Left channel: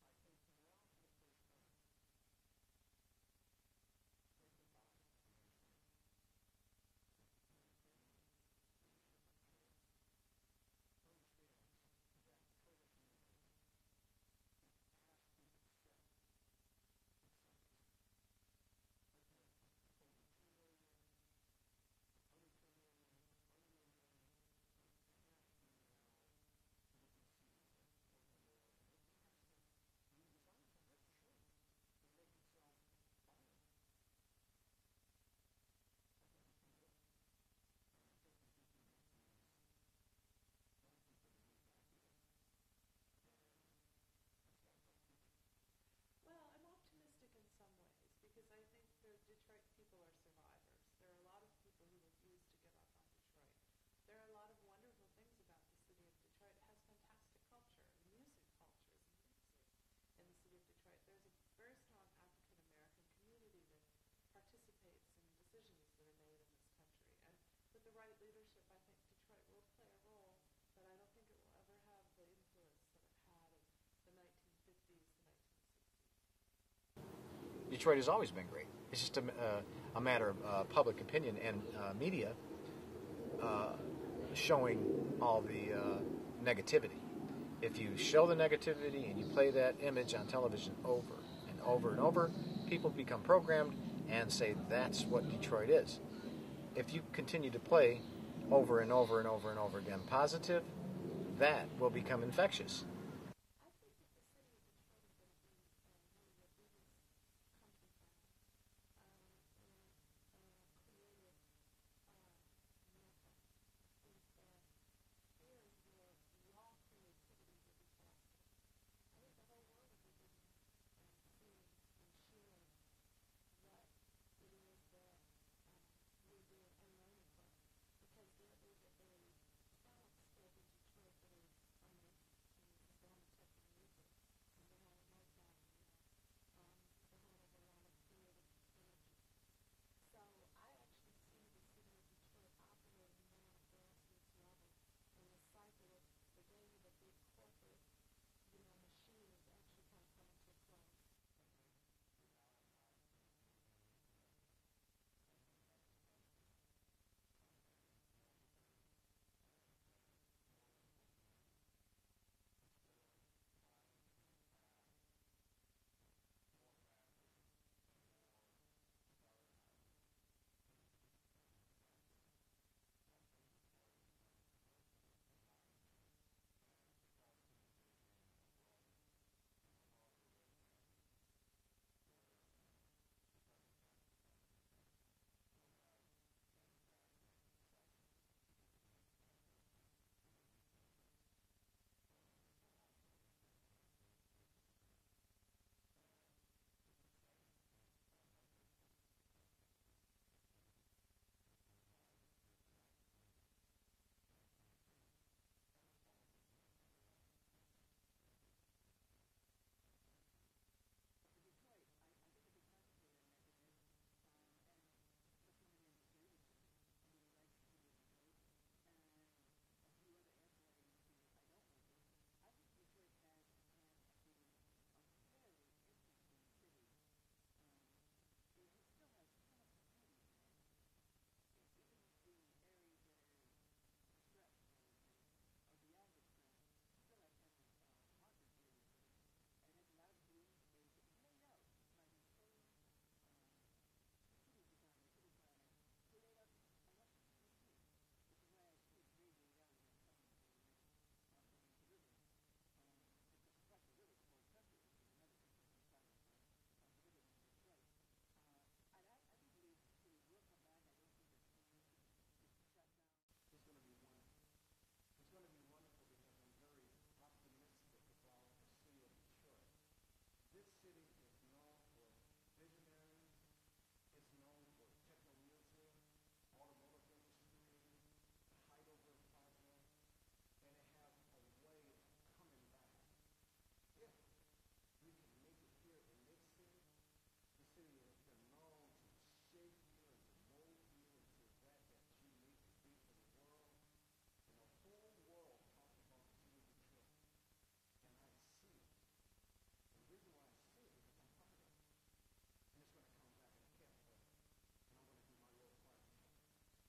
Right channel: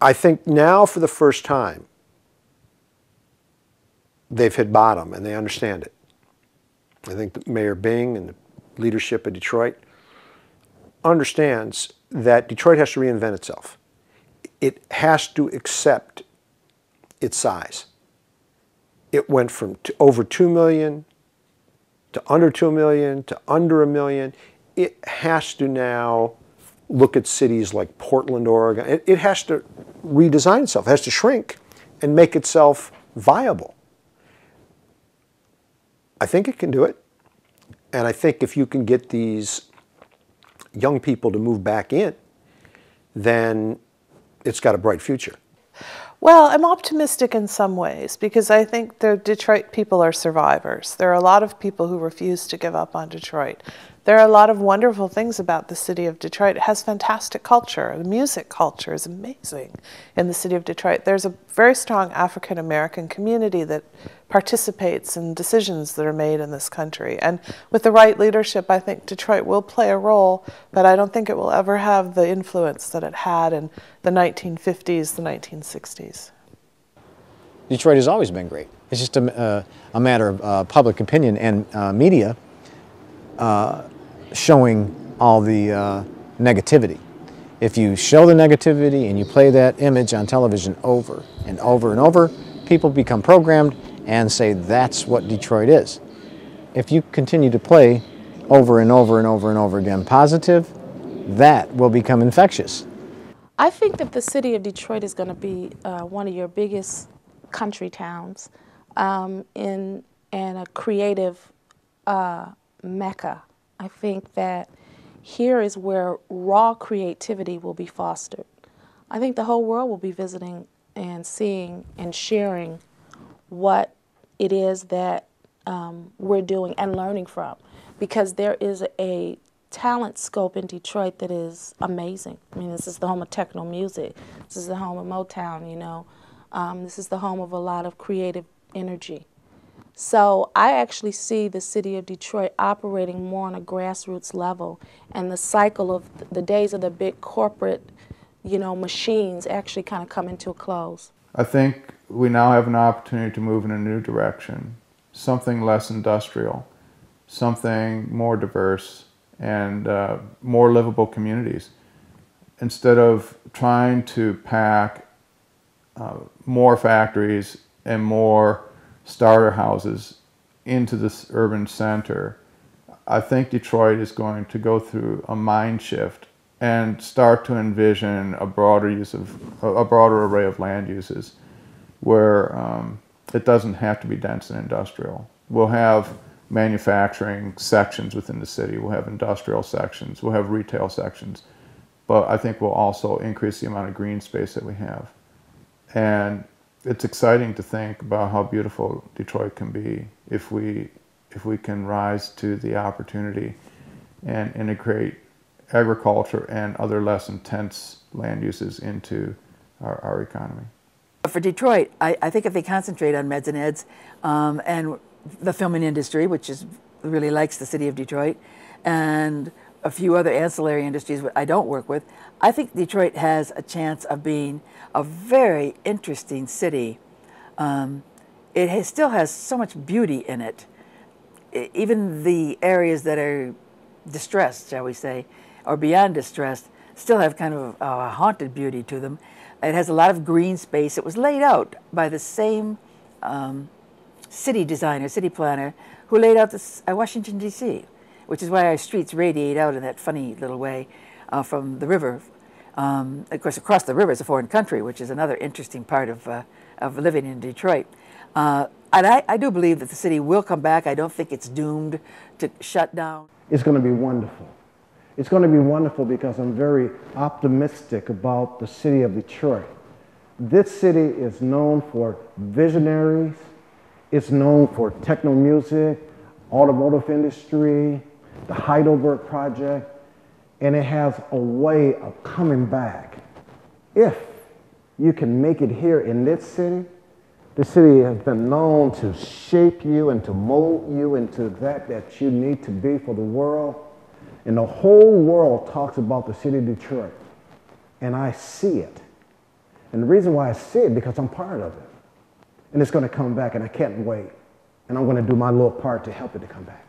I think now for the first time, they've hit bottom and they understand it. I think that Mayor Bing and the leadership of Detroit understands that Detroit has to reinvent itself. It has to accept its size. It went from over 2 million to under 2 million to under a million. It has to now look at cities like Portland, Oregon. It has to redesign itself. It has to shrink and make itself viable. I think it can do it. And I think if you can get these young people to move back in, then it's got a bright future. Well, I'm optimistic in some ways because I think the Detroit people are survivors. There are a lot of people who refuse to give up on Detroit. There are a lot of wonderful things about the city of Detroit. It has fantastic culture. The music culture is amazing in the city of Detroit. There's a very strong African American community that participates in decisions that are made in this country. And with the right leadership, I think Detroit will play a role, but I don't think it will ever have the influence that it had in the 1950s, the 1960s. Detroit has always been great. It's just a matter of public opinion and media showing all the negativity. If you show the negativity and you play that image on television over and over and over, people become programmed and say that's what Detroit is. If you continue to play over and over and over and over again positive, that will become infectious. I think that the city of Detroit is going to be one of your biggest country towns and a creative mecca. I think that here is where raw creativity will be fostered. I think the whole world will be visiting and seeing and sharing what it is that we're doing and learning from, because there is a talent scope in Detroit that is amazing. I mean, this is the home of techno music. This is the home of Motown, you know. This is the home of a lot of creative energy. So I actually see the city of Detroit operating more on a grassroots level, and the cycle of the days of the big corporate, you know, machines actually kind of come into a close. I think we now have an opportunity to move in a new direction, something less industrial, something more diverse, and more livable communities. Instead of trying to pack more factories and more starter houses into this urban center, I think Detroit is going to go through a mind shift and start to envision a broader array of land uses where it doesn't have to be dense and industrial. We'll have manufacturing sections within the city, we'll have industrial sections, we'll have retail sections, but I think we'll also increase the amount of green space that we have. And it's exciting to think about how beautiful Detroit can be if we can rise to the opportunity and integrate agriculture and other less intense land uses into our economy. For Detroit, I think if they concentrate on meds and eds and the filming industry, which really likes the city of Detroit, and a few other ancillary industries I don't work with, I think Detroit has a chance of being a very interesting city. It still has so much beauty in it. Even the areas that are distressed, shall we say, or beyond distressed, still have kind of a haunted beauty to them. It has a lot of green space. It was laid out by the same city designer, city planner, who laid out this Washington, D.C., which is why our streets radiate out in that funny little way from the river. Of course, across the river is a foreign country, which is another interesting part of living in Detroit. And I do believe that the city will come back. I don't think it's doomed to shut down. It's going to be wonderful. It's going to be wonderful because I'm very optimistic about the city of Detroit. This city is known for visionaries. It's known for techno music, automotive industry, the Heidelberg Project, and it has a way of coming back. If you can make it here in this city, the city has been known to shape you and to mold you into that you need to be for the world. And the whole world talks about the city of Detroit. And I see it. And the reason why I see it, because I'm part of it. And it's going to come back, and I can't wait. And I'm going to do my little part to help it to come back.